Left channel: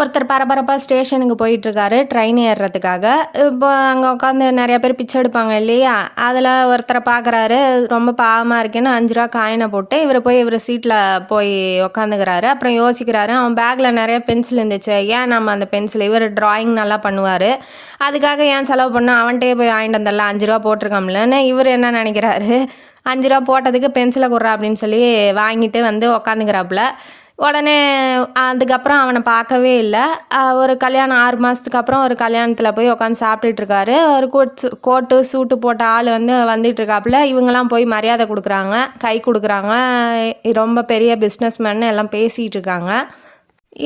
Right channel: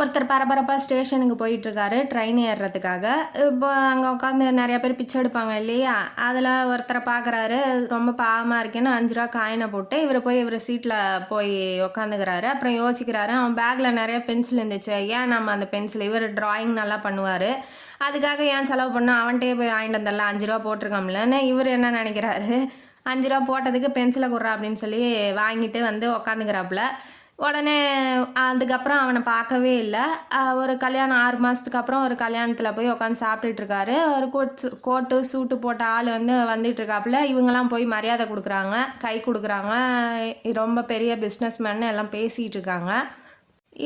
ஒருத்தர் பரபரப்பாக ஸ்டேஷனுக்கு போயிட்டுருக்காரு ட்ரெயின் ஏறுறதுக்காக. இப்போ அங்கே உட்காந்து நிறைய பேர் பிச்சை எடுப்பாங்க இல்லையா, அதில் ஒருத்தரை பார்க்குறாரு. ரொம்ப பாவமாக இருக்கேன்னு 5 ரூபா காயினை போட்டு இவர் சீட்டில் போய் உக்காந்துக்கிறாரு. அப்புறம் யோசிக்கிறாரு, அவன் பேக்கில் நிறைய பென்சில் இருந்துச்சு, ஏன் நம்ம அந்த பென்சில், இவர் ட்ராயிங் நல்லா பண்ணுவார், அதுக்காக ஏன் செலவு பண்ணால் அவன்கிட்டே போய் வாங்கிட்டு வந்துடலாம், 5 ரூபா போட்டிருக்கோம்லன்னு இவர் என்ன நினைக்கிறாரு, 5 ரூபா போட்டதுக்கு பென்சிலை கொடுறா அப்படின்னு சொல்லி வாங்கிட்டு வந்து உக்காந்துக்கிறாப்புல. உடனே அதுக்கப்புறம் அவனை பார்க்கவே இல்லை. ஒரு கல்யாணம் 6 மாதத்துக்கு அப்புறம் ஒரு கல்யாணத்தில் போய் உட்காந்து சாப்பிட்டுட்ருக்காரு. ஒரு கோட்டு சூட்டு போட்ட ஆள் வந்துட்டுருக்காப்புல. இவங்கெல்லாம் போய் மரியாதை கொடுக்குறாங்க, கை கொடுக்குறாங்க, ரொம்ப பெரிய பிஸ்னஸ்மேன்னு எல்லாம் பேசிகிட்டு இருக்காங்க.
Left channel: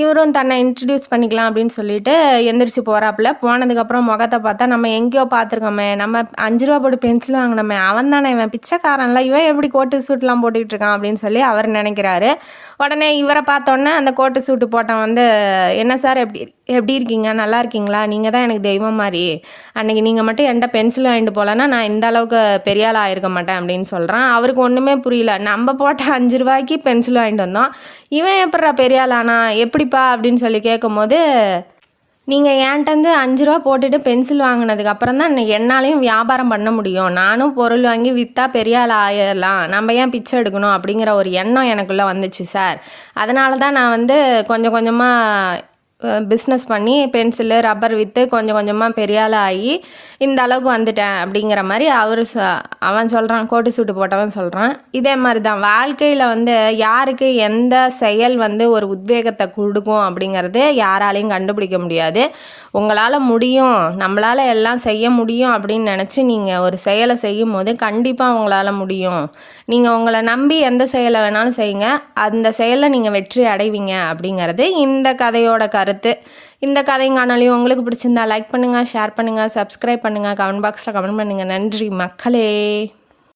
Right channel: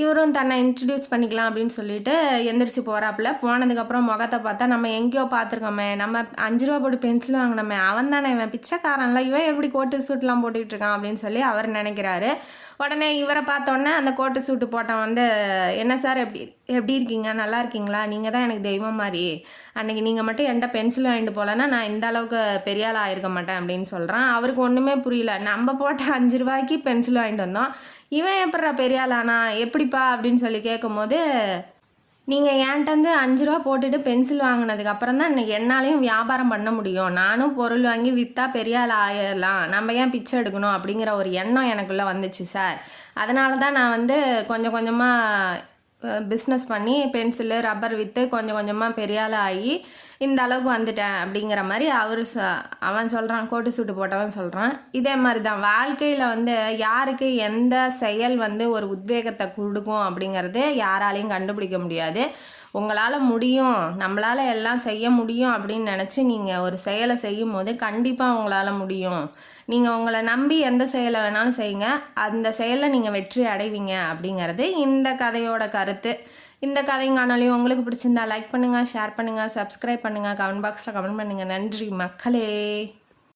இவரும் தன்னை இன்ட்ரடியூஸ் பண்ணிக்கலாம் அப்படின்னு சொல்லிட்டு எந்திரிச்சு போகிறாப்புல. போனதுக்கப்புறம் முகத்தை பார்த்தா, நம்ம எங்கேயோ பார்த்துருக்கோமே, நம்ம 5 ரூபா போட்டு பென்சில் வாங்கினோமே, அவன் தானே இவன், பிச்சைக்காரன்ல இவன் எப்படி கோட்டு சூட்லாம் போட்டுக்கிட்டு இருக்கான் அப்படின்னு சொல்லி அவர் நினைக்கிறாரு. உடனே இவரை பார்த்தோன்னே அந்த கோட்டு சூட்டு போட்டவன் என்ன சார் எப்படி இருக்கீங்க, நல்லா இருக்கீங்களா, நீங்கள் தான் எனக்கு தெய்வம் மாதிரி, அன்றைக்கி நீங்கள் மட்டும் என்கிட்ட பென்சில் வாங்கிட்டு போகலன்னா நான் இந்த அளவுக்கு பெரிய ஆள் ஆகிருக்க மாட்டேன் அப்படின்னு சொல்கிறான். அவருக்கு ஒன்றுமே புரியல, நம்ம போட்ட 5 ரூபாய்க்கு பென்சில் வாங்கிட்டு வந்தோம், இவன் எப்படா பெரிய ஆளானா, எப்படிப்பா அப்படின்னு சொல்லி கேட்கும்போது, நீங்கள் என்கிட்ட 5 ரூபா போட்டுட்டு பென்சில் வாங்கினதுக்கு அப்புறம் தான் என்னாலையும் வியாபாரம் பண்ண முடியும், நானும் பொருள் வாங்கி விற்றா பெரிய ஆள் ஆயிடலாம், நம்ம ஏன் பிச்சை எடுக்கணும் அப்படிங்கிற ஒரு எண்ணம் எனக்குள்ளே வந்துச்சு சார். அதனால தான் நான் கொஞ்சம் கொஞ்சமாக பிஸ்னஸ் பண்ணி பென்சிலு ரப்பர் விற்று கொஞ்சம் கொஞ்சமாக பெரிய ஆள் ஆகி இந்த அளவுக்கு வந்துட்டேன் அப்படிங்கிற மாதிரி அவன் சொல்கிறான், கோட்டு சூட்டு போட்டவன் சொல்கிறான். இதே மாதிரி தான் வாழ்க்கையில் யாருக்கு எந்த செயல் ஒரு உத்வேகத்தை கொடுக்கும் அப்படிங்கிறது யாராலையும் கண்டுபிடிக்க முடியாது. உங்களால் முடியும், நம்மளால் எல்லாம் செய்ய முடியும் அப்படின்னு நினச்சி நீங்கள் ஒரு செயலை செய்யும் போது கண்டிப்பாக உங்களால் முடியும். நீங்கள் உங்களை நம்பி எந்த செயலை வேணாலும் செய்யுங்க, அந்த செயலில் நீங்கள் வெற்றி அடைவீங்க அப்படிங்கிறது இந்த கதையோட கருத்து. இந்த கதைங்கானாலையும் உங்களுக்கு பிடிச்சிருந்தா லைக் பண்ணுங்கள், ஷேர் பண்ணுங்கள், சப்ஸ்கிரைப் பண்ணுங்கள், கமெண்ட் பாக்ஸில் கமெண்ட் பண்ணுங்கள். நன்றி மக்களே.